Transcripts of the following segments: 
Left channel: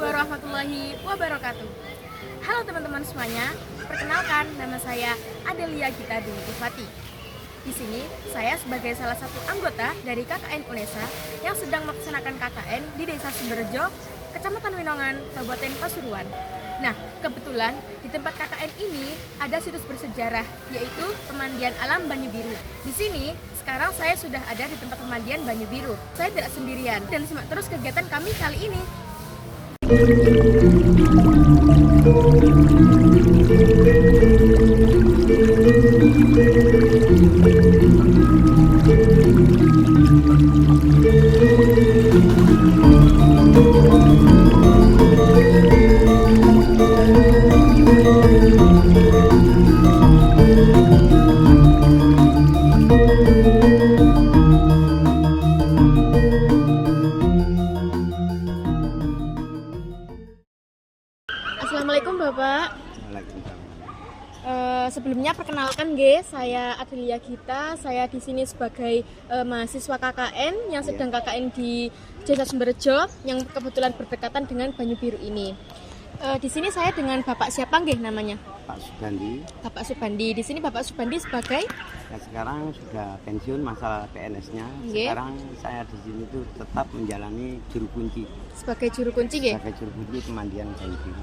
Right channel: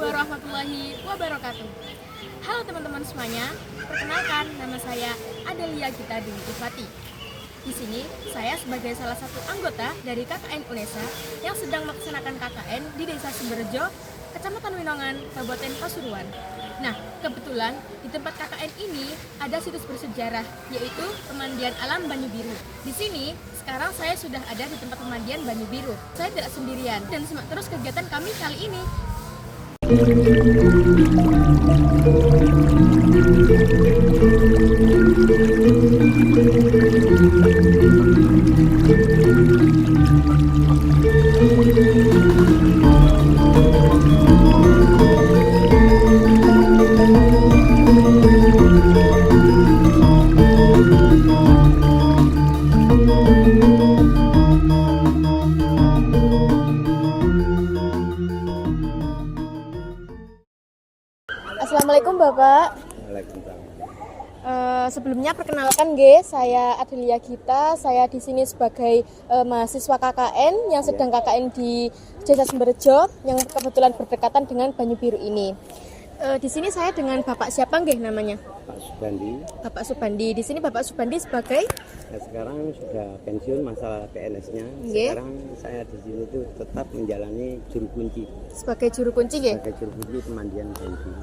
warahmatullahi wabarakatuh. Halo teman-teman semuanya, perkenalkan nama saya Adelia Gita Dewi Tifati. Di sini saya sebagai salah satu anggota dari KKN UNESA yang sedang melaksanakan KKN di Desa Sumberjo, Kecamatan Winongan, Kabupaten Pasuruan. Nah, kebetulan di tempat KKN ini ada situs bersejarah, yaitu Pemandian Alam Banyu Biru. Di sini, sekarang saya sudah ada di tempat pemandian Banyu Biru. Saya tidak sendirian dan simak terus kegiatan kami kali ini. Assalamualaikum Bapak. Sebelumnya perkenalkan saya Adelia Gita. Saya di sini sebagai mahasiswa KKN yang sedang KKN di Desa Sumberjo yang kebetulan berdekatan dengan Banyu Biru ini. Di sini saya dengan Bapak siapa namanya? Pak Subandi. Bapak Subandi. Di sini Bapak Subandi sebagai Sekarang sudah pensiun masa PNS-nya. Sekarang saya di sini tuh tetap menjalani juru kunci. Sebagai juru kunci Sebagai juru kunci pemandian Banyu Biru.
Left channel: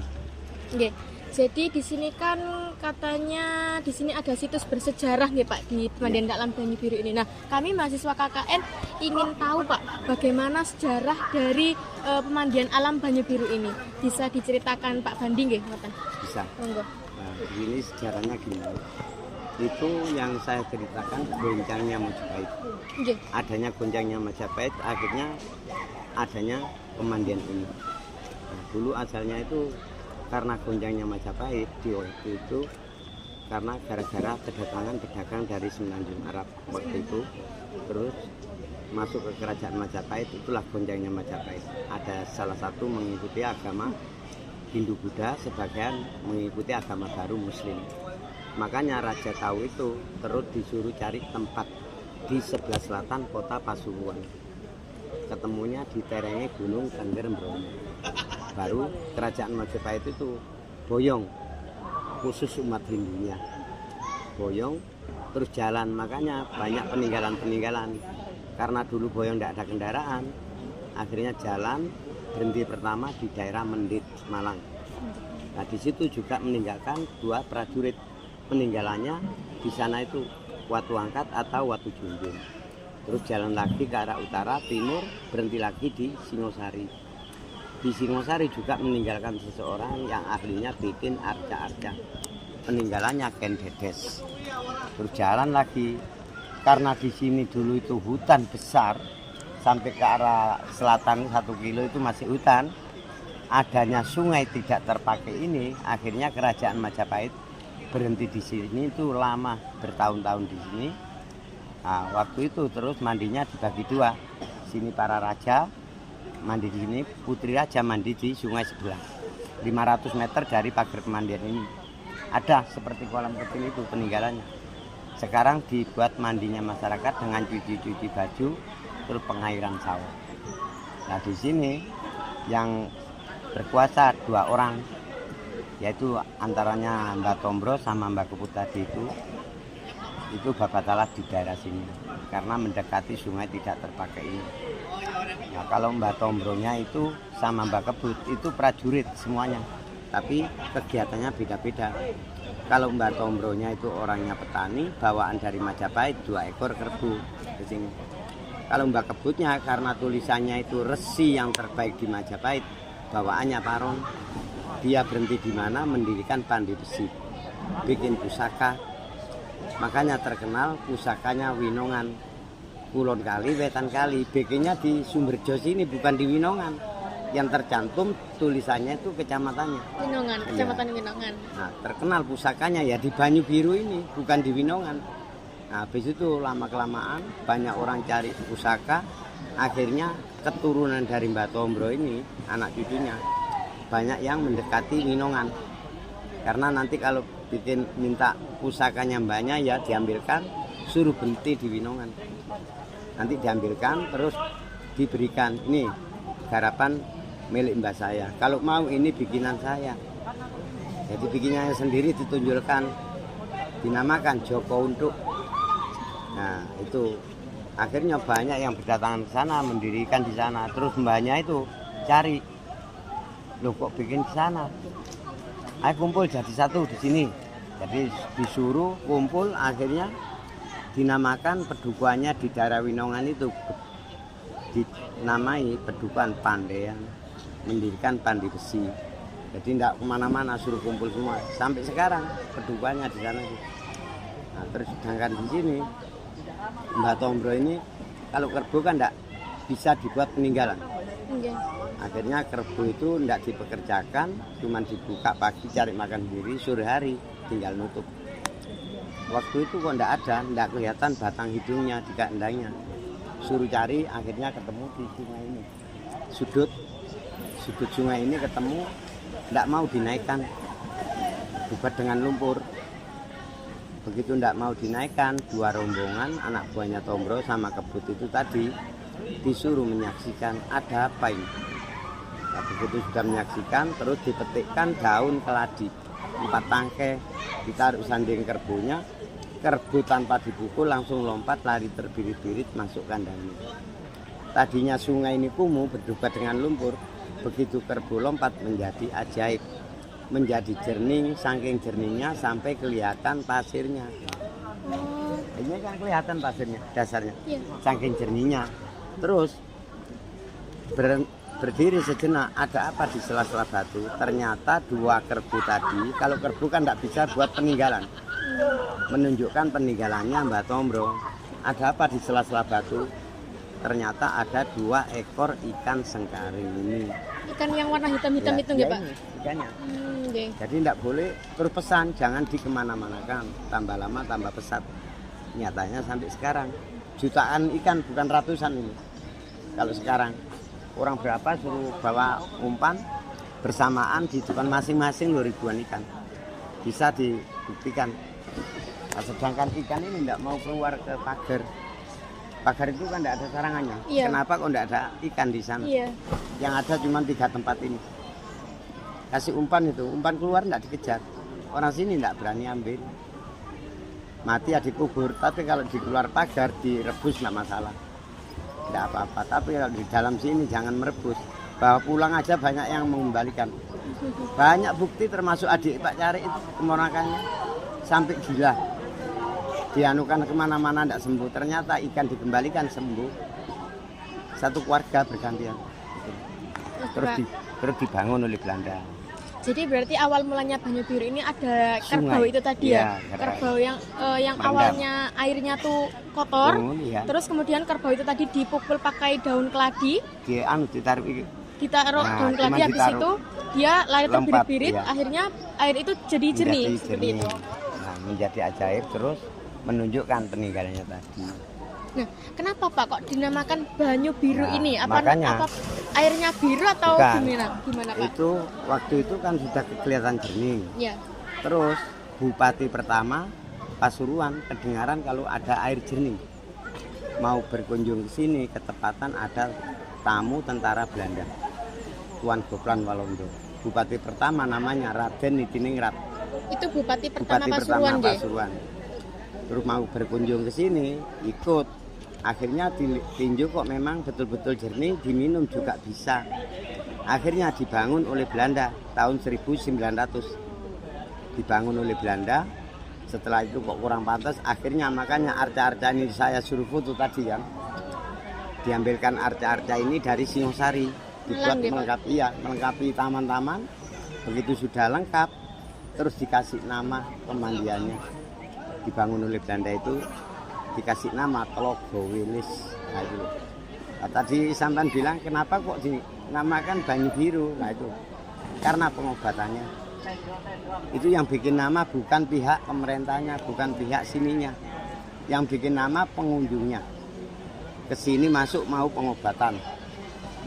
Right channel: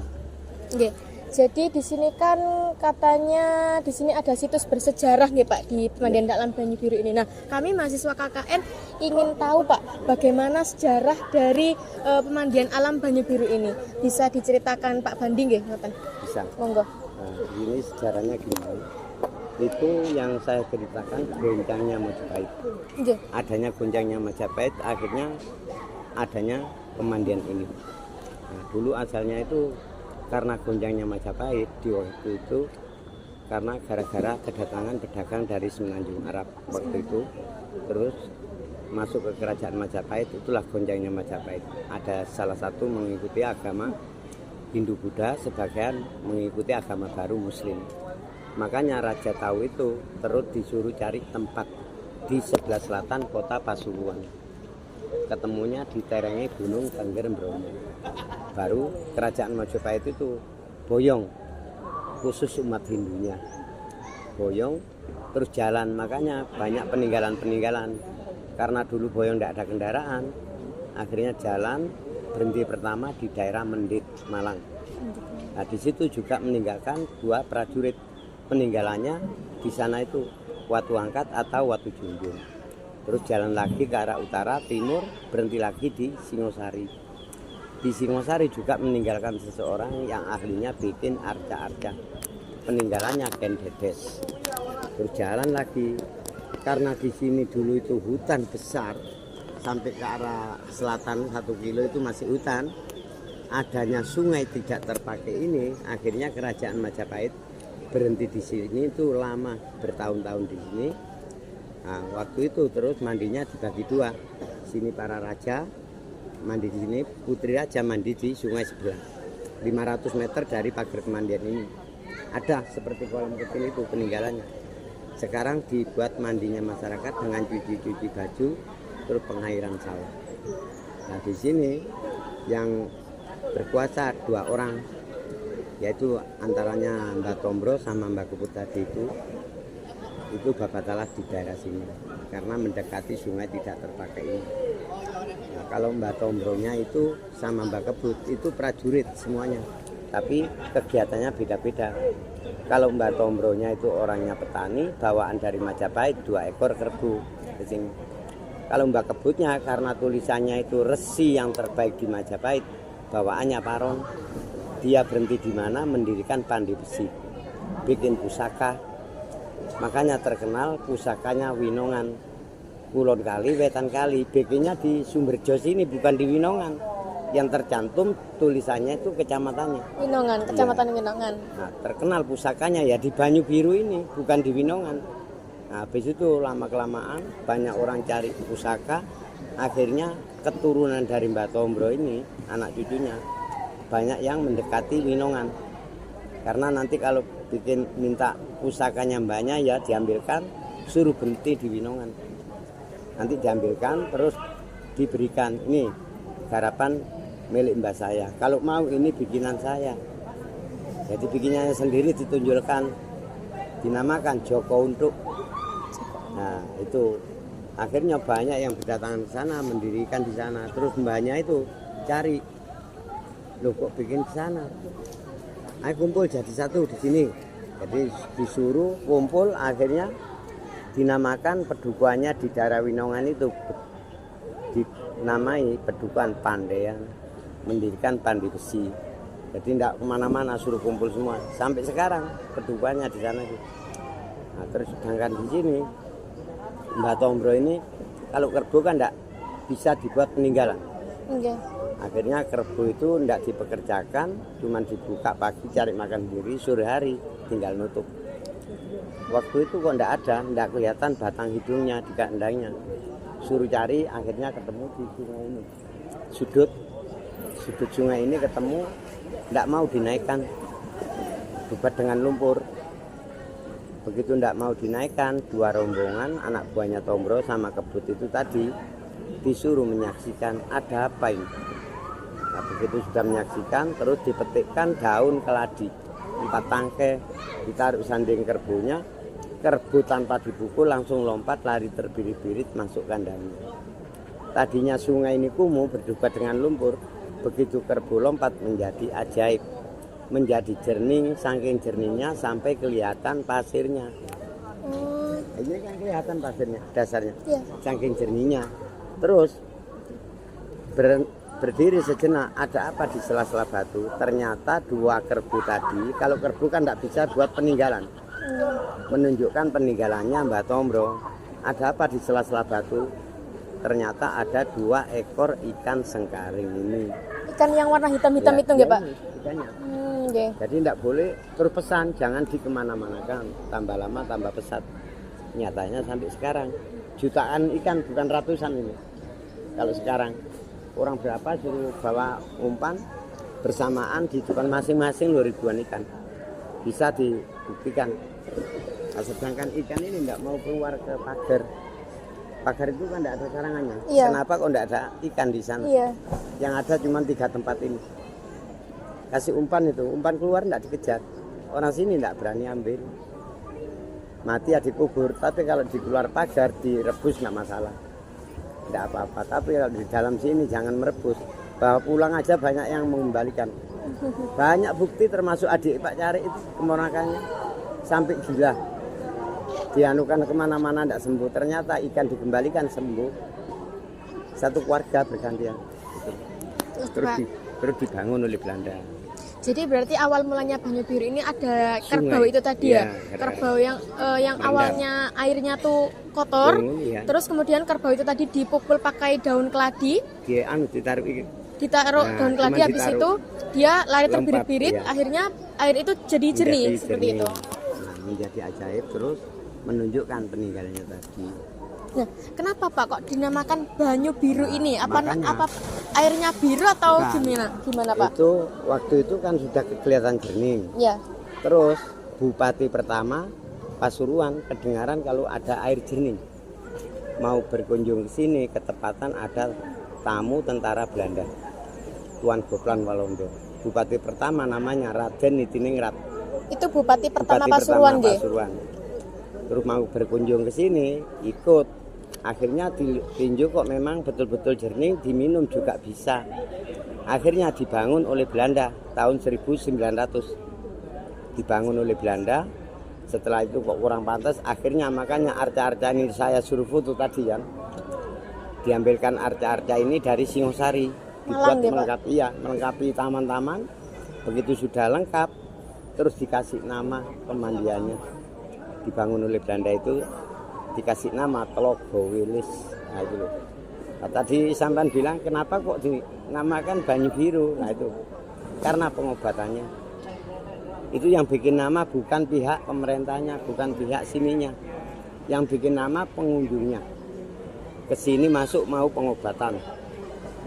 Jadi di sini kan katanya di sini ada situs bersejarah Pak di Pemandian Alam Banyu Biru ini. Nah, kami mahasiswa KKN ingin tahu Pak bagaimana sejarah dari Pemandian Alam Banyu Biru ini. Bisa diceritakan Pak Bandi ngoten? Bisa. Monggo. Nah, ini sejarahnya gini. Itu yang saya ceritakan goncangnya Majapahit. Adanya goncangnya Majapahit, akhirnya adanya pemandian ini. Nah, dulu asalnya itu karena gonjangnya Majapahit di waktu itu, karena gara-gara kedatangan pedagang dari Semenanjung Arab waktu itu, terus masuk ke kerajaan Majapahit, itulah gonjangnya Majapahit. Ada salah satu mengikuti agama Hindu Buddha, sebagian mengikuti agama baru Muslim. Makanya Raja tahu itu, terus disuruh cari tempat di sebelah selatan kota Pasuruan. Ketemunya di terengnya Gunung Tengger Bromo. Baru kerajaan Majapahit itu boyong, khusus umat Hindunya boyong, terus jalan. Makanya banyak peninggalan-peninggalan. Karena dulu boyong tidak ada kendaraan, akhirnya jalan berhenti pertama di daerah Mendit, Malang. Nah, di situ juga meninggalkan dua prajurit. Peninggalannya di sana itu Watu Angkat atau Watu Junjung. Terus jalan lagi ke arah utara timur, berhenti lagi di Singosari. Di Singosari juga meninggalkan seseorang yang ahlinya bikin arca-arca. Peninggalannya Ken Dedes. Terus jalan lagi, karena di sini dulu itu hutan besar, sampai ke arah selatan 1 kilo itu masih hutan. Adanya sungai tidak terpakai ini, akhirnya kerajaan Majapahit berhenti di sini itu lama, bertahun-tahun di sini. Nah, waktu itu terus mandinya dibagi dua. Sini para raja mandi di sini, putri raja mandi di sungai sebelah. 500 meter dari pagar pemandian ini. Ada seperti kolam kecil itu peninggalannya. Sekarang dibuat mandinya masyarakat dengan cuci-cuci baju, terus pengairan sawah. Nah, di sini yang berkuasa 2 orang, yaitu antaranya Mbak Tombro sama Mbak Keput tadi itu babat alat di daerah sini karena mendekati sungai tidak terpakai ini. Nah, kalau Mbak Tombronya itu sama Mbak Kebut itu prajurit semuanya, tapi kegiatannya beda-beda. Kalau Mbak Tombronya itu orangnya petani, bawaan dari Majapahit 2 ekor kerbau di sini. Kalau Mbak Kebutnya karena tulisannya itu resi yang terbaik di Majapahit, bawaannya parong. Dia berhenti di mana mendirikan pandi besi, bikin pusaka. Makanya terkenal pusakanya Winongan, Kulon Kali, Wetan Kali. Bikinnya di Sumberjo sini, bukan di Winongan. Yang tercantum tulisannya itu kecamatannya Winongan, Kecamatan Winongan. Nah, terkenal pusakanya ya di Banyu Biru ini, bukan di Winongan. Nah, habis itu lama-kelamaan banyak orang cari pusaka. Akhirnya keturunan dari Mbak Tombro ini, anak cucunya, banyak yang mendekati Winongan. Karena nanti kalau bikin minta pusakanya mbaknya ya diambilkan, suruh berhenti di Winongan. Nanti diambilkan terus diberikan ini garapan milik mbah saya. Kalau mau ini bikinan saya. Jadi bikinannya sendiri ditunjukkan, dinamakan Joko Untuk. Nah itu akhirnya banyak yang berdatangan ke sana, mendirikan di sana. Terus mbahnya itu cari, loh kok bikin di sana? Ayo kumpul jadi satu di sini. Jadi disuruh kumpul, akhirnya dinamakan pedukuhannya di daerah Winongan itu dinamai Pedukuhan Pandean, mendirikan Pandi Besi. Jadi tidak kemana-mana, suruh kumpul semua. Sampai sekarang pedukuhannya di sana. Nah, terus sedangkan di sini Mbah Tombro ini kalau kerbau kan tidak bisa dibuat peninggalan. Okay. Akhirnya kerbau itu tidak dipekerjakan, cuma dibuka pagi cari makan sendiri, sore hari tinggal nutup. Waktu itu kok tidak kelihatan batang hidungnya di kandangnya. Suruh cari, akhirnya ketemu di sungai ini. Sudut sungai ini ketemu, tidak mau dinaikkan, dibuat dengan lumpur. Begitu tidak mau dinaikkan, dua rombongan anak buahnya Tombro sama Kebut itu tadi disuruh menyaksikan ada apa ini. Nah, begitu sudah menyaksikan, terus dipetikkan daun keladi 4 tangkai, ditaruh sanding kerbunya. Kerbau tanpa dipukul langsung lompat lari terbirit-birit masuk kandangnya. Tadinya sungai ini kumuh berdebat dengan lumpur. Begitu kerbau lompat menjadi ajaib, menjadi jernih, saking jernihnya sampai kelihatan pasirnya. Ini kan kelihatan pasirnya, dasarnya, saking jernihnya. Terus berdiri sejenak, ada apa di sela-sela batu? Ternyata dua kerbau tadi, kalau kerbau kan tidak bisa buat peninggalan, menunjukkan peninggalannya Mbah Tombro. Ada apa di sela-sela batu? Ternyata ada 2 ekor ikan sengkaring ini. Ikan yang warna hitam-hitam itu ya Pak? Ikannya. Okay. Jadi tidak boleh terus pesan, jangan di kemana-mana, tambah lama tambah pesat. Nyatanya sampai sekarang jutaan ikan, bukan ratusan ini. Kalau sekarang orang berapa suruh bawa umpan bersamaan di depan masing-masing ribuan ikan. Bisa dibuktikan. Nah, sedangkan ikan ini tidak mau keluar ke pagar. Pagar itu kan tidak ada sarangannya. Iya. Kenapa kok tidak ada ikan di sana? Iya. Yang ada cuma 3 tempat ini. Kasih umpan itu, umpan keluar tidak dikejar. Orang sini tidak berani ambil. Mati ya dikubur. Tapi kalau di keluar pagar direbus tidak masalah. Tidak apa-apa. Tapi kalau di dalam sini jangan merebus. Bawa pulang aja banyak yang mengembalikan. Banyak bukti termasuk adik Pak Cari itu kemonakannya sampai gila. Dianukan kemana-mana tidak sembuh. Ternyata ikan dikembalikan sembuh. Satu keluarga bergantian. Terus dibangun oleh Belanda. Jadi berarti awal mulanya Banyu Biru ini ada kerbau itu tadi ya? Kerbau yang awalnya airnya tuh kotor. Terus kemudian kerbau itu tadi dipukul pakai daun keladi. Ditaruh daun keladi, habis itu dia lari terbirit-birit. Akhirnya air itu jadi jernih seperti itu. Nah, menjadi ajaib terus menunjukkan peninggalannya tadi. Nah, kenapa Pak kok dinamakan Banyu Biru ini? Apa airnya biru atau gimana Pak? Itu waktu itu kan sudah kelihatan jernih. Ya. Terus Bupati pertama Pasuruan kedengaran kalau ada air jernih. Mau berkunjung ke sini, ketepatan ada tamu tentara Belanda. Tuan Goplan Walanda. Bupati pertama namanya Raden Nitiningrat. Itu Bupati pertama Pasuruan, Pasuruan. Terus mau berkunjung ke sini, ikut. Akhirnya ditinjau kok memang betul-betul jernih, diminum juga bisa. Akhirnya dibangun oleh Belanda tahun 1900. Dibangun oleh Belanda. Setelah itu kok kurang pantas, akhirnya makanya arca-arca ini saya suruh foto tadi kan. Diambilkan arca-arca ini dari Singosari, dibuat melengkapi taman-taman. Begitu sudah lengkap, terus dikasih nama pemandiannya. Dibangun oleh Belanda itu dikasih nama Tlogo Wilis. Nah itu loh. Nah, tadi sampean bilang kenapa kok dinamakan Banyu Biru? Nah itu karena pengobatannya. Itu yang bikin nama bukan pihak pemerintahnya, bukan pihak sininya. Yang bikin nama pengunjungnya. Ke sini masuk mau pengobatan.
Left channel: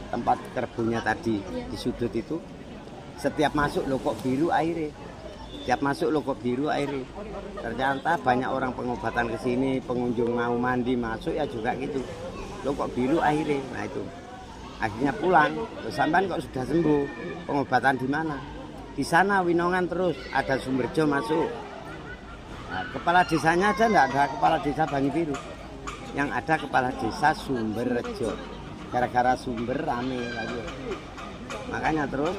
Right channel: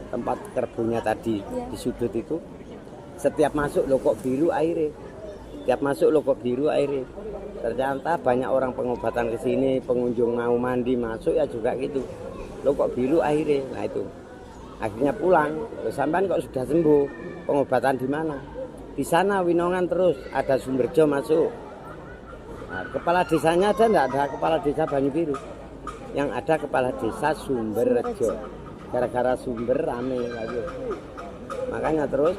Tempat kerbunya tadi di sudut itu. Setiap masuk loh kok biru airnya. Setiap masuk loh kok biru airnya. Ternyata banyak orang pengobatan ke sini, pengunjung mau mandi masuk ya juga gitu. Loh kok biru airnya. Nah itu. Akhirnya pulang, terus sampean kok sudah sembuh, pengobatan di mana? Di sana Winongan terus, ada Sumberjo masuk. Nah, kepala desanya ada enggak? Ada kepala desa Banyubiru. Yang ada kepala desa Sumberjo. Gara-gara sumber rame lagi. Makanya terus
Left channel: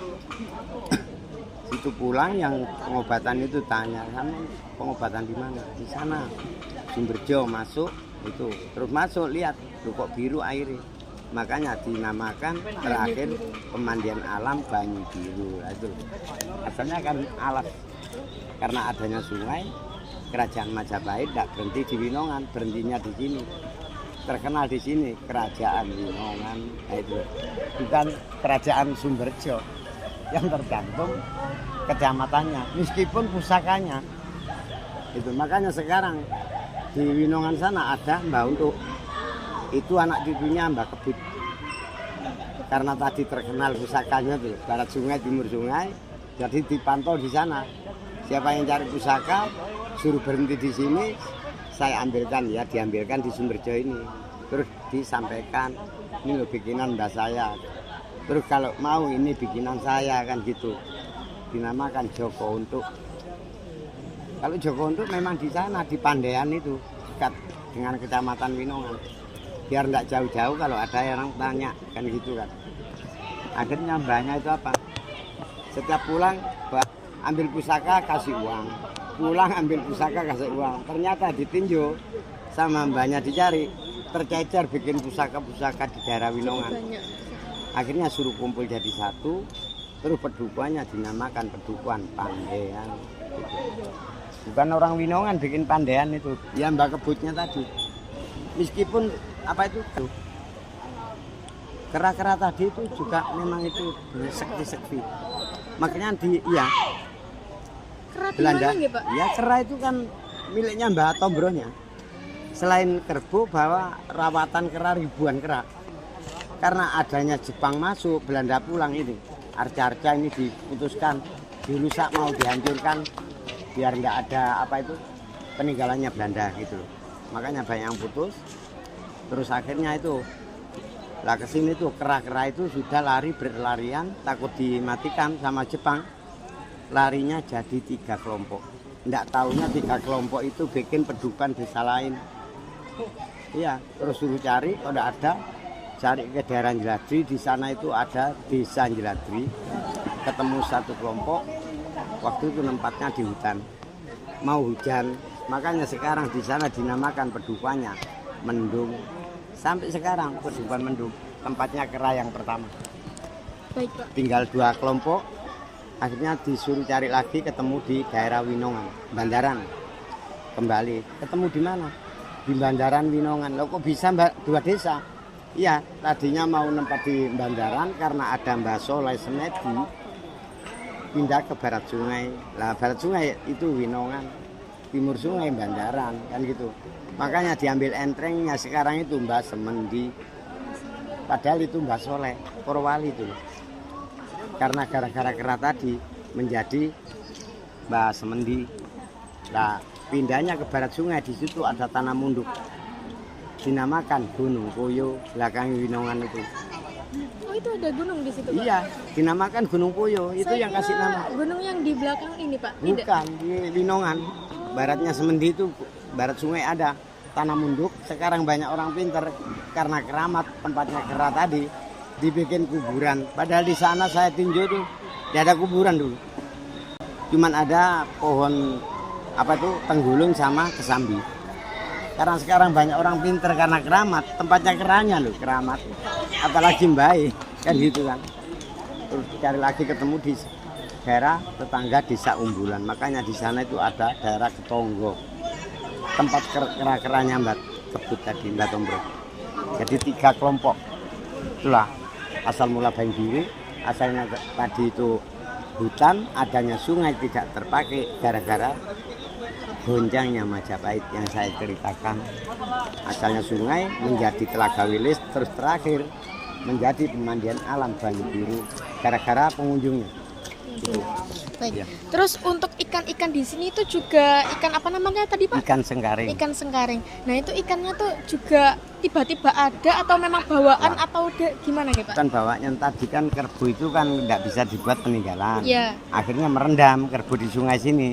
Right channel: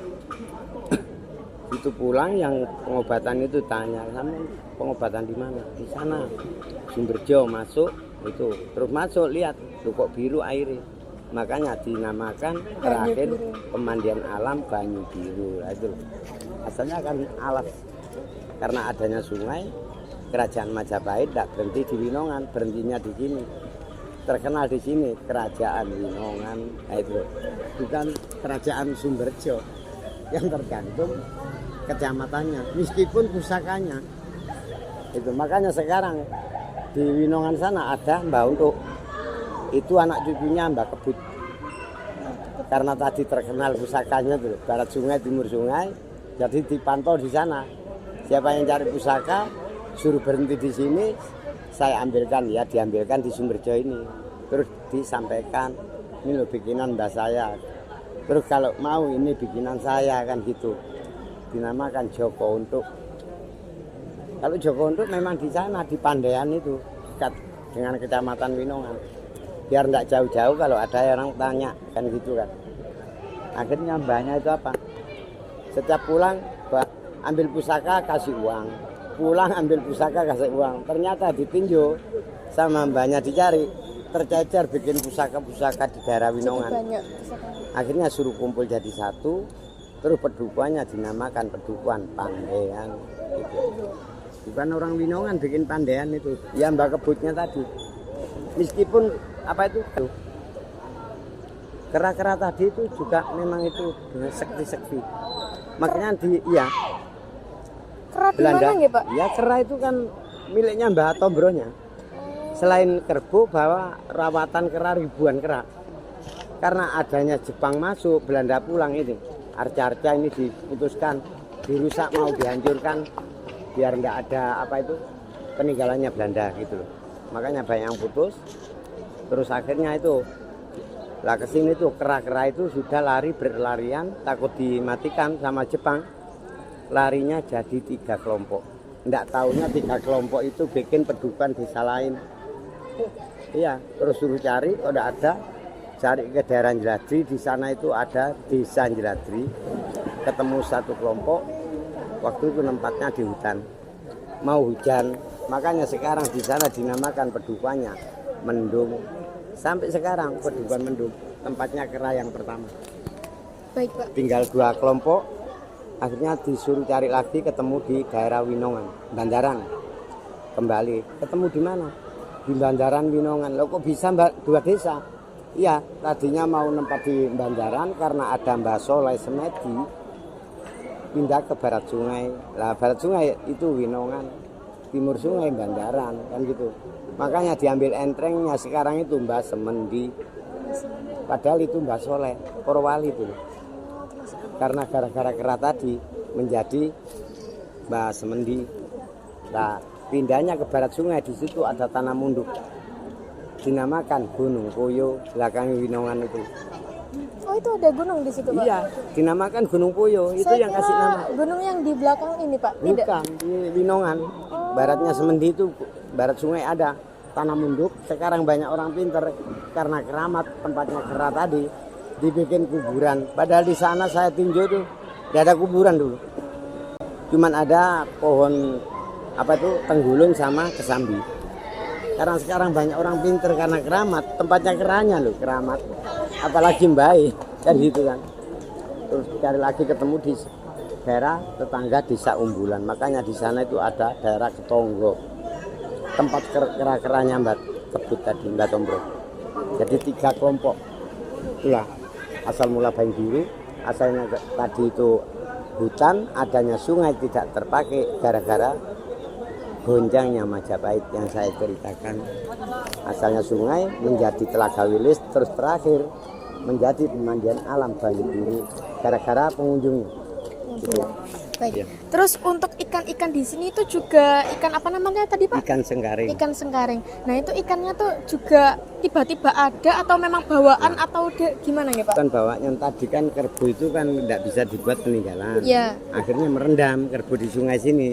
itu pulang yang pengobatan itu tanya sama pengobatan di mana? Di sana. Sumberjo masuk itu. Terus masuk lihat kok biru airnya. Makanya dinamakan terakhir pemandian alam Banyubiru. Asalnya kan alas karena adanya sungai. Kerajaan Majapahit tidak berhenti di Winongan, berhentinya di sini. Terkenal di sini kerajaan Winongan, itu bukan kerajaan Sumberjo yang tergantung kecamatannya, meskipun pusakanya. Itu makanya sekarang di Winongan sana ada Mbah Untuk, itu anak cucunya Mbah Kebut. Karena tadi terkenal pusakanya tuh, barat sungai, timur sungai, jadi dipantau di sana. Siapa yang cari pusaka, suruh berhenti di sini, saya ambilkan, ya diambilkan di Sumberjo ini. Terus disampaikan, ini loh bikinan mbak saya. Terus kalau mau ini bikinan saya kan gitu. Dinamakan Joko Untuk. Kalau Joko Untuk memang di sana, di Pandean itu, dekat dengan kecamatan Winongan. Biar tidak jauh-jauh kalau ada orang tanya, kan gitu kan. Akhirnya mbaknya itu apa? Setiap pulang, ambil pusaka kasih uang. Pulang ambil pusaka kasih uang. Ternyata ditinjau sama mbaknya dicari, tercecer bikin pusaka-pusaka di daerah Winongan. Akhirnya suruh kumpul jadi satu, terus pedukuhannya dinamakan Pedukuhan Pandean. Gitu. Bukan orang Winongan bikin Pandean itu, ya Mbak Kebutnya tadi. Meskipun apa itu? Kera-kera tadi itu juga memang itu sekti-sekti. Makanya ya Kera di Belanda, mana nggih, Pak? ya kera itu kan miliknya Mbah Tombronya. Selain kerbau bawa rawatan kera ribuan kera. Karena adanya Jepang masuk, Belanda pulang itu. Arca-arca ini diputuskan, dirusak mau dihancurkan biar nggak ada apa itu peninggalannya Belanda gitu loh. Makanya banyak yang putus. Terus akhirnya itu lah kesini tuh kera-kera itu sudah lari berlarian takut dimatikan sama Jepang. Larinya jadi 3 kelompok. Nggak tahunya 3 kelompok itu bikin pedukuhan desa lain. Iya, terus suruh cari, kalau nggak ada, cari ke daerah Jeladri. Di sana itu ada desa Jeladri. Ketemu 1 kelompok. Waktu itu tempatnya di hutan. Mau hujan, makanya sekarang di sana dinamakan pedukuhannya Mendung. Sampai sekarang pedukuhan Mendung, tempatnya kera yang pertama. Baik, Pak. Tinggal 2 kelompok. Akhirnya disuruh cari lagi, ketemu di daerah Winongan, Bandaran. Kembali, ketemu di mana? Di Bandaran Winongan. Loh kok bisa 2 desa? Iya, tadinya mau nempat di Bandaran karena ada Mbah Soleh Semedi pindah ke barat sungai. Lah barat sungai itu Winongan, timur sungai Bandaran, kan gitu. Makanya diambil entrengnya sekarang itu Mbah Semendi. Padahal itu Mbah Soleh, Porowali itu. Karena gara-gara kera tadi menjadi Mbah Semendi. Nah, pindahnya ke barat sungai, di situ ada tanah munduk. Dinamakan Gunung Puyo, belakang Winongan itu. Oh, itu ada gunung di situ, Pak? Iya, dinamakan Gunung Puyo. Itu Saya yang kasih nama. Gunung yang di belakang ini, Pak? Tidak. Bukan, di Winongan. Baratnya Semendi itu, barat sungai ada tanah munduk. Sekarang banyak orang pinter karena keramat tempatnya kera tadi dibikin kuburan. Padahal di sana saya tinjau tuh tidak ada kuburan dulu. Cuman ada pohon apa tuh tenggulung sama kesambi. Karena sekarang banyak orang pinter karena keramat, tempatnya keranya loh, keramat. Apalagi baik kan gitu kan. Terus cari lagi ketemu di daerah tetangga desa Umbulan. Makanya di sana itu ada daerah Ketonggo. Tempat kera-keranya Mbak Kebut tadi, Mbak Tombro. Jadi 3 kelompok. Itulah asal mula Banyubiru. Asalnya tadi itu hutan, adanya sungai tidak terpakai gara-gara gonjangnya Majapahit yang saya ceritakan. Asalnya sungai menjadi Telaga Wilis, terus terakhir menjadi pemandian alam Banyubiru gara-gara pengunjungnya. Baik. Iya. Terus untuk ikan-ikan di sini itu juga ikan apa namanya tadi Pak? Ikan sengkaring. Ikan sengkaring. Nah itu ikannya tuh juga tiba-tiba ada atau memang bawaan atau gimana nih Pak? Kan bawanya tadi kan kerbau itu kan tidak bisa dibuat peninggalan. Iya. Akhirnya merendam kerbau di sungai sini.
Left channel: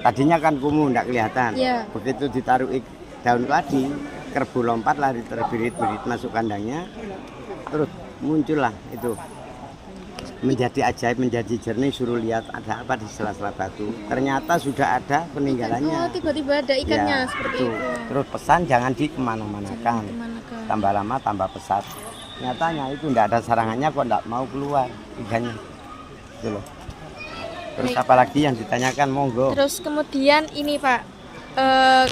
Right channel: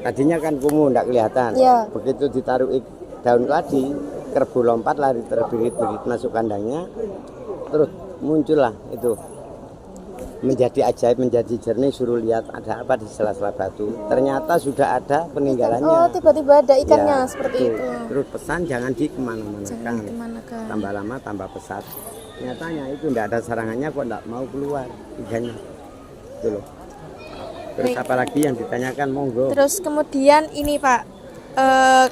Tadinya kan kumuh tidak kelihatan. Iya. Begitu ditaruh daun tadi, kerbau lompat lari terbirit-birit masuk kandangnya. Terus muncullah itu. Menjadi ajaib, menjadi jernih, suruh lihat ada apa di sela-sela batu. Ternyata sudah ada peninggalannya. Oh tiba-tiba ada ikannya Ya, seperti itu. Terus pesan jangan dikemana-manakan. Kemana-mana. Tambah lama tambah pesat. Nyatanya itu tidak ada sarangannya kok tidak mau keluar ikannya. Gitu loh. Terus Baik. apalagi yang ditanyakan monggo. Terus kemudian ini Pak,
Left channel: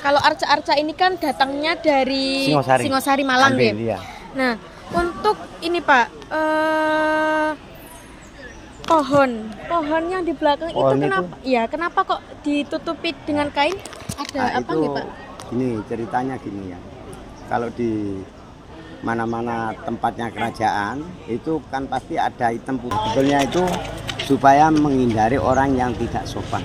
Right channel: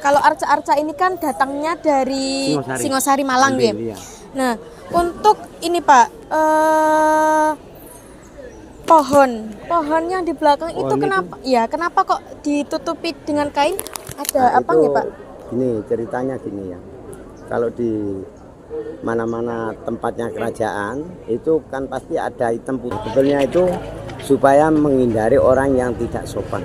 kalau arca-arca ini kan datangnya dari Singosari Malang Ambil, ya. iya. Nah untuk ini Pak, pohon yang di belakang itu Pohon kenapa? Ya kenapa kok ditutupi dengan kain? Ada Nah, apa itu nih Pak? Gini ceritanya gini ya. Kalau di mana-mana tempatnya kerajaan itu kan pasti ada hitam putih. Sebetulnya itu supaya menghindari orang yang tidak sopan,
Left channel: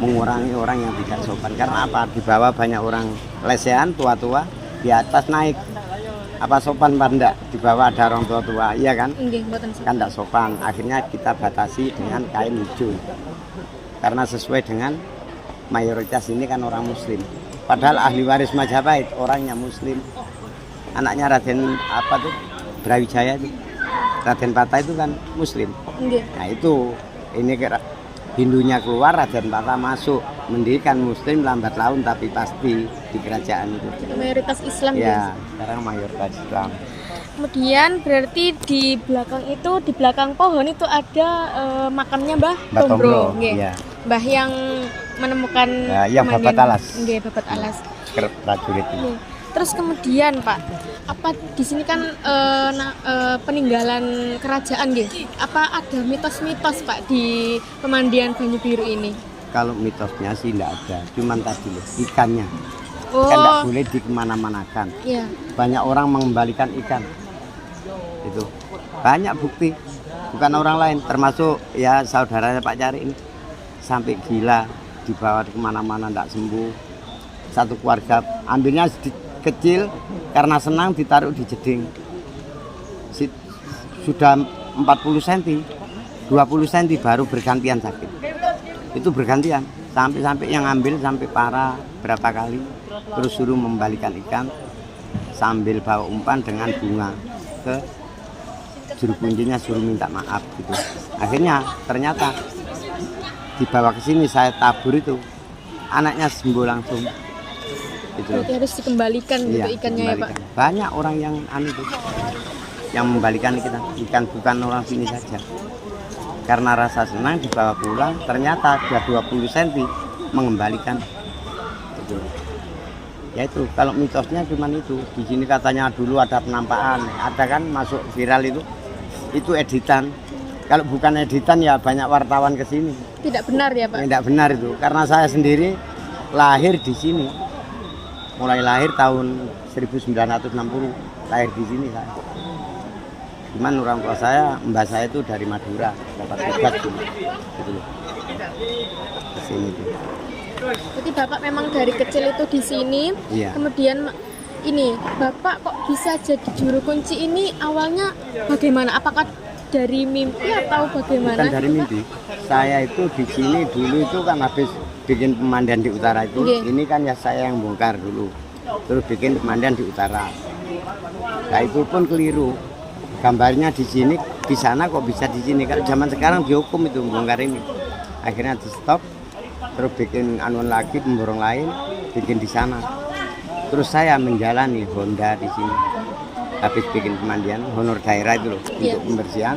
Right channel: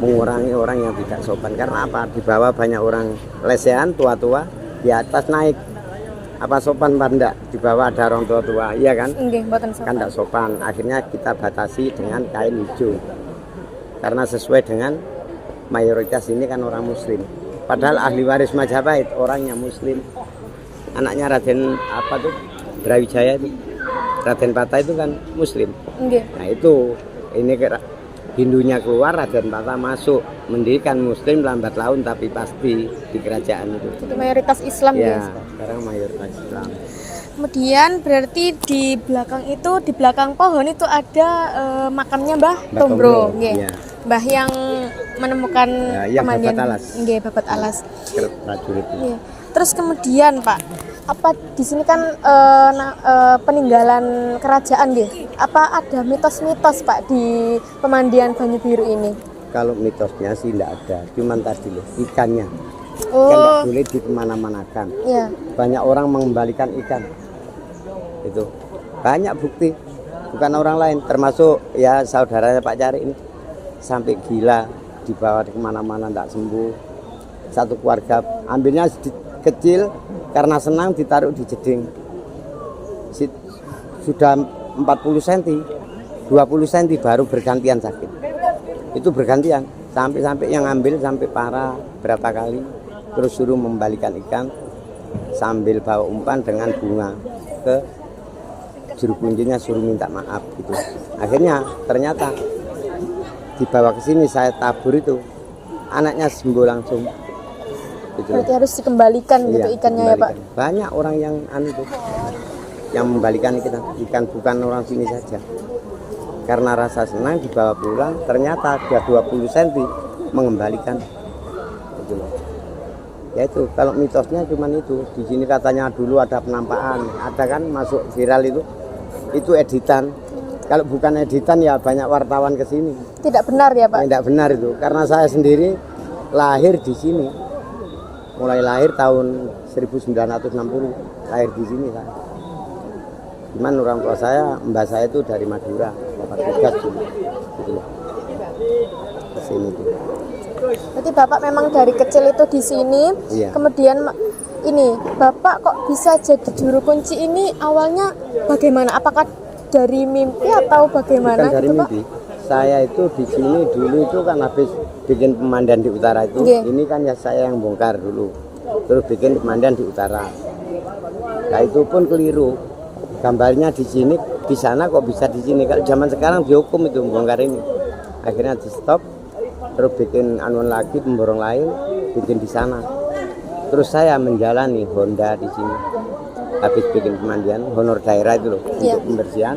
mengurangi orang yang tidak sopan. Karena apa? Di bawah banyak orang lesehan, tua-tua, di atas naik. Apa sopan Pak? Di bawah ada orang tua-tua, iya kan? Nggih, mboten sopan. Kan tidak sopan. Akhirnya kita batasi dengan kain hijau. Karena sesuai dengan mayoritas ini kan orang muslim. Padahal ahli waris Majapahit orangnya muslim. Anaknya Raden apa tuh? Brawijaya itu. Raden Patah itu kan muslim. Nggih. Nah itu ini Hindunya keluar, Raden Patah masuk, mendirikan muslim lambat laun tapi pasti di kerajaan itu. Itu mayoritas Islam Ya, guys. sekarang mayoritas Islam. Kemudian berarti di belakang itu, di belakang pohon itu ada makamnya Mbah Tombro, nggih. Iya. Mbah yang menemukan Ya, iya, pemandian, Babat Alas. nggih, Babat Alas. Prajurit itu. Iya. Terus kemudian Pak, apa di sini kan peninggalan kerajaan nggih. Apa ada mitos-mitos Pak di pemandian Banyu Biru ini? Kalau mitosnya sih tidak ada, cuman tadi loh ikannya kan Oh, tidak boleh dikemana-manakan. iya. Banyak orang mengembalikan ikan, itu banyak bukti, bukan orang lain, termasuk ya saudaranya Pak Cari ini sampai gila dibawa kemana-mana tidak sembuh. Satu keluarga ambilnya kecil karena senang ditaruh di jeding. Sudah 40 cm, 20 cm baru bergantian sakit. Itu bergantian sampai yang ambil sampai parah berapa kali, terus suruh membalikan ikan sambil bawa umpan dengan bunga ke juru kuncinya, suruh minta maaf gitu. Akhirnya ternyata dibawa ke sini saya tabur itu anaknya sembuh langsung. Gitu. Berarti harus dikembalikan gitu Iya, ikannya ya Pak. dikembalikan. Banyak orang yang itu yang membalikan ikan bukan orang sini saja. Karena rasa senang dibawa pulang, ternyata ada 20 cm mengembalikan. Gitu. Ya itu kalau mitosnya cuma itu. Di sini katanya dulu ada penampakan, ada kan masuk viral itu editan. Kalau bukan editan ya banyak wartawan ke sini. Tidak benar ya Pak? Tidak benar itu, karena saya sendiri lahir di sini. Mulai lahir tahun 1960, lahir di sini saya. Cuman orang tua saya, mbak saya itu dari Madura, tugas gitu loh. Ke sini tuh. Berarti Bapak memang dari kecil itu di sini. Iya. Kemudian ini Bapak kok bisa jadi juru kunci ini awalnya bagaimana? Apakah dari mimpi atau bagaimana? Bukan dari gitu, mimpi. Saya itu di sini dulu itu kan habis bikin pemandian di utara itu. Iya. Ini kan ya saya yang bongkar dulu. Terus bikin pemandian di utara. Nah itu pun keliru. Gambarnya di sini, di sana kok bisa di sini. Kalau zaman sekarang dihukum itu bongkar ini. Akhirnya di stop. Terus bikin anun lagi, pemborong lain, bikin di sana. Terus saya menjalani Honda di sini. Habis bikin pemandian, honor daerah itu loh, Iya. untuk pembersihan.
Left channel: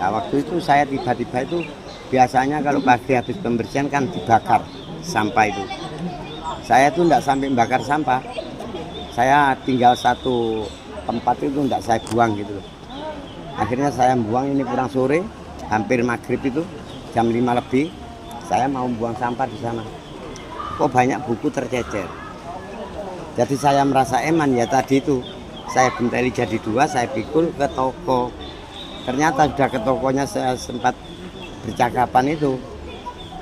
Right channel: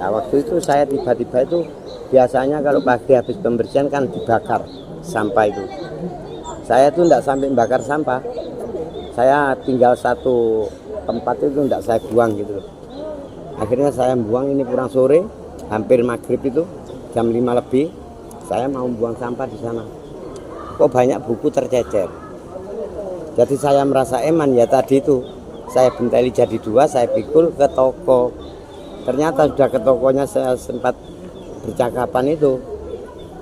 Nah waktu itu saya tiba-tiba itu biasanya kalau pagi habis pembersihan kan dibakar sampah itu. Saya tuh tidak sampai bakar sampah. Saya tinggal satu tempat itu tidak saya buang gitu loh. Akhirnya saya buang ini pulang sore, hampir maghrib itu jam 5 lebih. Saya mau buang sampah di sana. Kok banyak buku tercecer. Jadi saya merasa eman ya tadi itu. Saya benteli jadi dua, saya pikul ke toko. Ternyata sudah ke tokonya saya sempat bercakapan itu,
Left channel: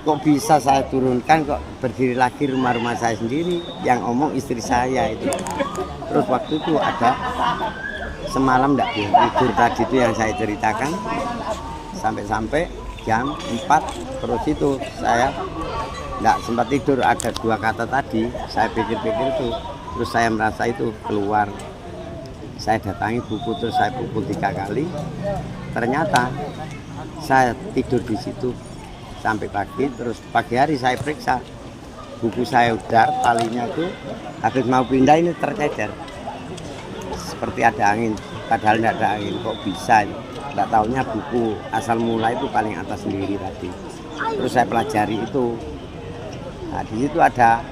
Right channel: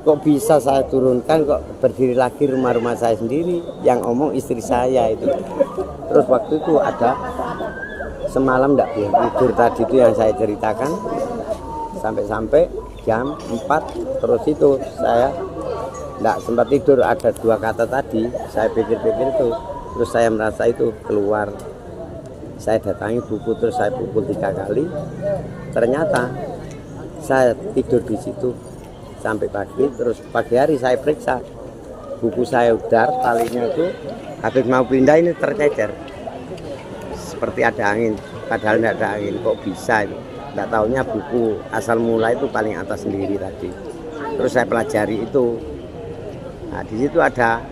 kok bisa saya turunkan, kok berdiri lagi rumah-rumah saya sendiri, yang omong istri saya itu. Terus waktu itu ada semalam tidak tidur tadi itu yang saya ceritakan, sampai jam 4 terus itu saya tidak sempat tidur. Ada 2 kata tadi saya pikir-pikir itu, terus saya merasa itu keluar. Saya datangi buku, terus saya pukul 3 kali. Ternyata saya tidur di situ sampai pagi. Terus pagi hari saya periksa buku saya udar, talinya itu habis mau pindah ini tercecer seperti ada angin, padahal tidak ada angin. Kok bisa? Tidak tahunya buku asal mula itu paling atas sendiri tadi. Terus saya pelajari itu. Nah, di situ ada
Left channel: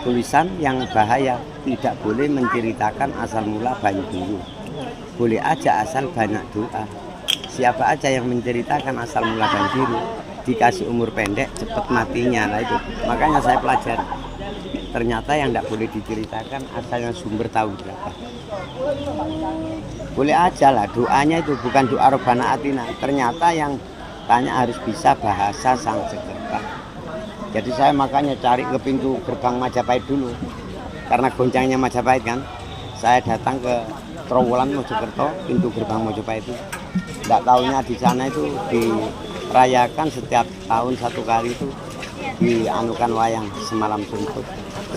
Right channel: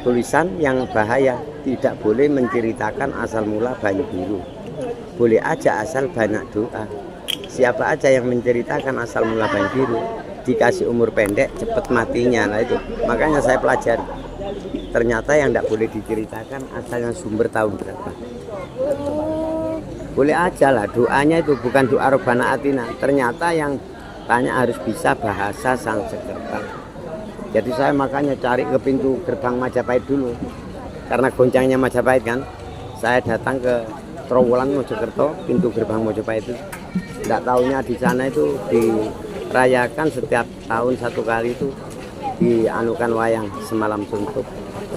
tulisan yang bahaya, tidak boleh menceritakan asal mula Banyu Biru. Boleh aja asal banyak doa. Siapa aja yang menceritakan asal mula Banyu Biru dikasih umur pendek, cepat matinya. Nah itu makanya saya pelajari. Ternyata yang tidak boleh diceritakan asal yang sumber tahun berapa. Boleh aja lah doanya itu, bukan doa Robbana Atina. Ternyata yang tanya harus bisa bahasa Sanskerta. Jadi saya makanya cari ke pintu gerbang Majapahit dulu, karena goncangnya Majapahit kan. Saya datang ke Trowulan Mojokerto, pintu gerbang Majapahit itu. Tidak tahunya di sana itu dirayakan setiap tahun 1 kali itu, dianukan wayang semalam suntuk.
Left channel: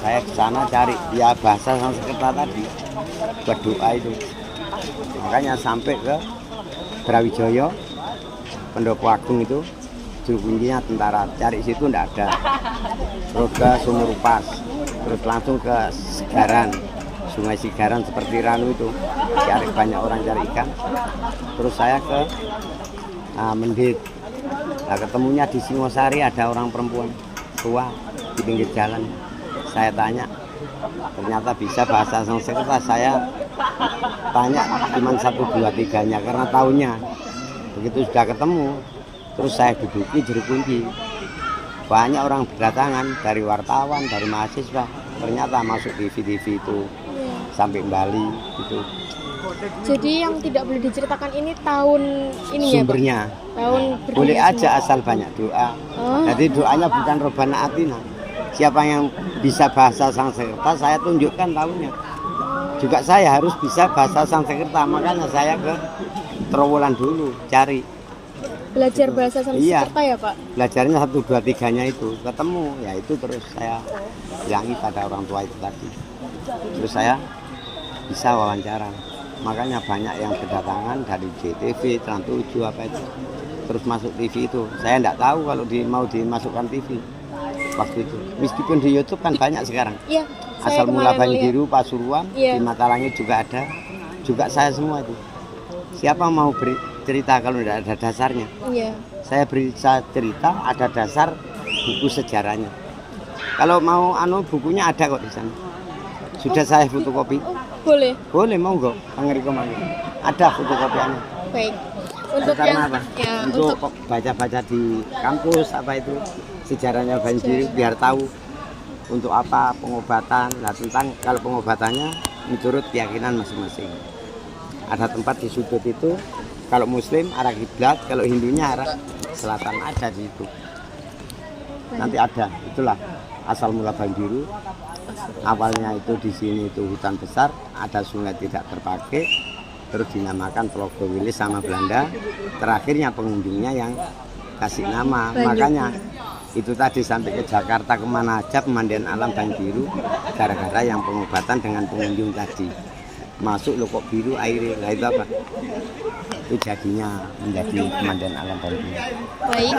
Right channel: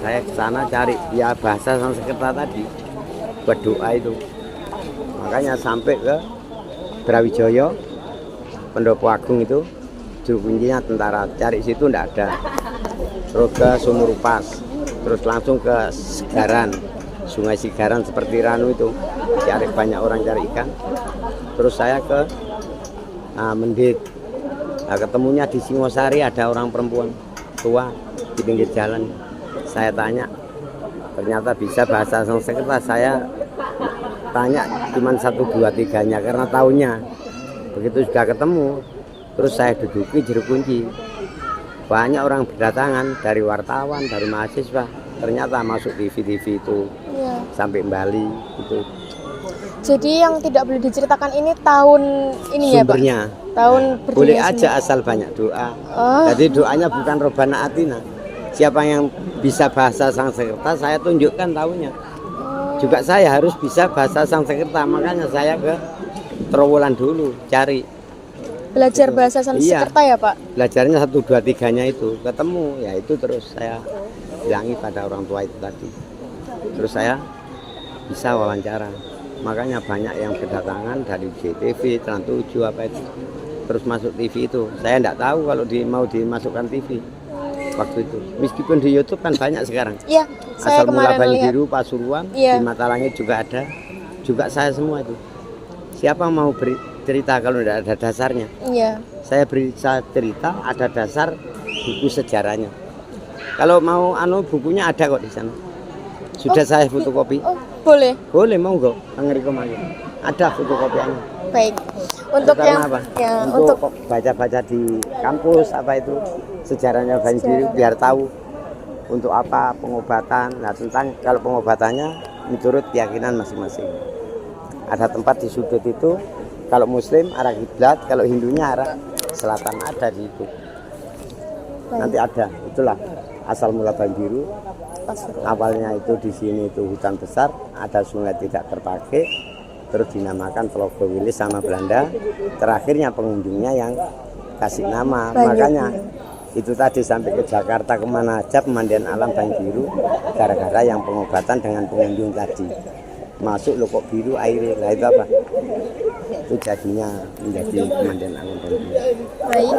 Saya ke sana cari ya bahasa Sanskerta tadi buat doa itu. Makanya sampai ke Brawijaya, Pendopo Agung itu, juru kuncinya tentara, cari situ enggak ada. Terus ke Sumurupas, terus langsung ke Sigaran, Sungai Sigaran seperti Ranu itu, cari banyak orang cari ikan. Terus saya ke Mendit. Nah, ketemunya di Singosari ada orang perempuan tua di pinggir jalan. Saya tanya, ternyata bisa bahasa Sanskerta. Saya tanya cuma 1, 2, 3-nya karena tahunya. Begitu sudah ketemu, terus saya duduki juru kunci. Banyak orang berdatangan dari wartawan, dari mahasiswa. Ternyata masuk TV itu ya. Sampai Bali gitu. Jadi yang tidak boleh diceritakan ini tahun ini sumbernya, ya Pak? Tahun boleh aja asal banyak doa. Jadi doanya bukan Robbana Atina. Siapa yang bisa bahasa Sanskerta saya tunjukkan tahunnya. Juga saya harus bisa bahasa Sanskerta, makanya saya ke Trowulan dulu cari. Belajar bahasa Sanskerta ya Pak? Belajarnya 1, 2, 3-nya itu ketemu, ya itu terus saya bilangi pada orang tua itu tadi. Terus saya bisa wawancara. Makanya banyak yang berdatangan dari JTV, Trans 7 apa itu. Terus masuk TV itu. Saya tidak tahu kalau mau dimasukkan TV waktu itu. Meskipun di YouTube kan banyak sekarang. Iya. Asal mula Banyu Biru, Pasuruan, ya. Di Matalangit juga ada. Juga saya semua itu. Siapa mau beri cerita kalau tidak ada dasarnya? Iya. Saya beri cerita, ada dasar buku sejarahnya. Kalau mau bukunya ada kok di sana. Sudah saya fotokopi. Boleh. Boleh, monggo. Ada fotokopiannya. Baik. Untuk yang ya, untuk baca-baca di kampus apa itu sejarahnya Banyu Biru biar tahu untuk apa pengobatan. Nah, tentang kalau pengobatannya menurut keyakinan masing-masing. Ada tempat di sudut itu, kalau Muslim arah kiblat, kalau Hindunya arah selatan, ada di itu. Nanti ada, itulah asal mula Banyu Biru. Awalnya itu di sini itu hutan besar, ada sungai tidak terpakai, terus dinamakan Telaga Wilis sama Belanda. Terakhirnya pengunjungnya yang kasih nama, makanya itu tadi sampai ke Jakarta kemana aja pemandian alam Banyu Biru, gara-gara yang pengobatan dengan pengunjung tadi. Masuk loh kok biru airnya, lah itu apa? Itu jadinya menjadi pemandian alam Banyu Biru. Baik,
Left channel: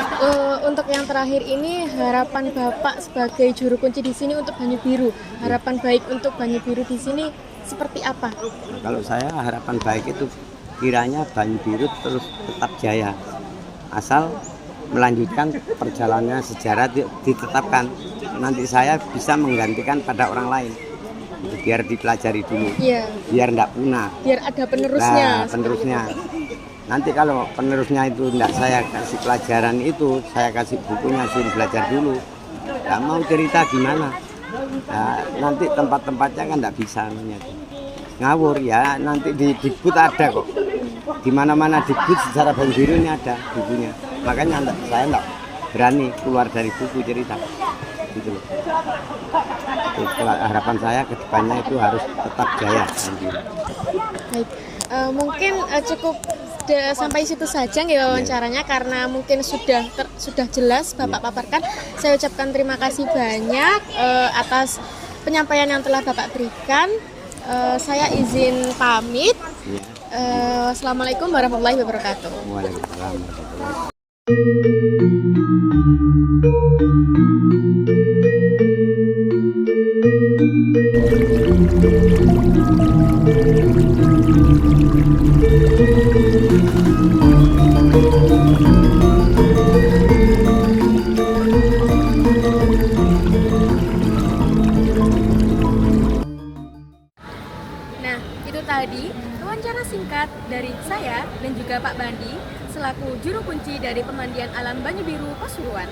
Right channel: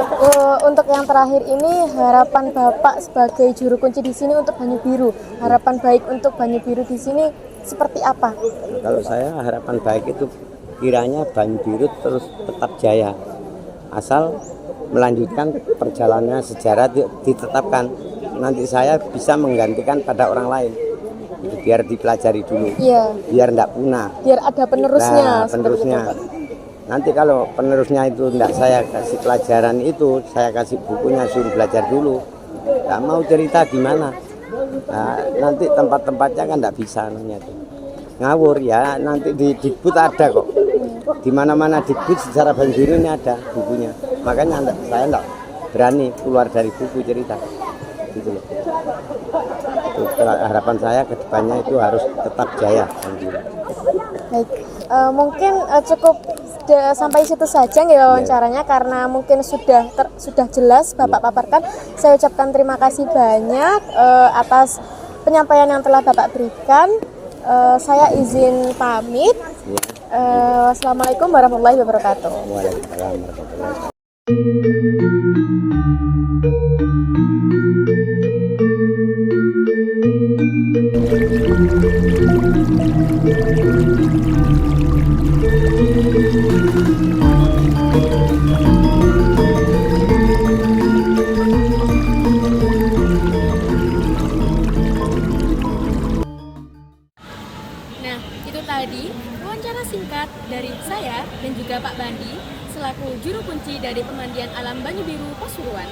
untuk yang terakhir ini harapan Bapak sebagai juru kunci di sini untuk Banyu Biru, harapan baik untuk Banyu Biru di sini seperti apa? Kalau saya harapan baik itu kiranya Banyu Biru terus tetap jaya, asal melanjutkan perjalanannya sejarah ditetapkan. Nanti saya bisa menggantikan pada orang lain. Biar dipelajari dulu, biar tidak punah, biar ada penerusnya. Nah, penerusnya nanti kalau penerusnya itu tidak saya kasih pelajaran itu, saya kasih bukunya, suruh belajar dulu. Nah, mau cerita gimana? Nah, nanti tempat-tempatnya kan tidak bisa namanya itu ngawur ya. Nanti di Dikbud ada kok di mana-mana debut secara Banyu Biru ini ada bukunya. Makanya saya enggak berani keluar dari buku cerita. Gitu loh. Harapan saya ke depannya itu harus tetap jaya. Baik, mungkin cukup sampai situ saja nggih wawancaranya karena mungkin sudah jelas Bapak paparkan. Saya ucapkan terima kasih banyak atas penyampaian yang telah Bapak berikan. Saya izin pamit. Wassalamualaikum warahmatullahi wabarakatuh. Waalaikumsalam warahmatullahi wabarakatuh. Nah, itu tadi wawancara singkat dari saya dan juga Pak Bandi selaku juru kunci dari Pemandian Alam Banyu Biru Pasuruan.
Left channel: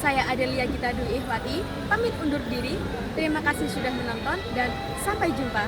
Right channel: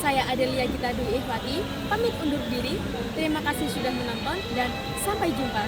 Saya Adelia Gita Dwi Ihwati, pamit undur diri. Terima kasih sudah menonton dan sampai jumpa.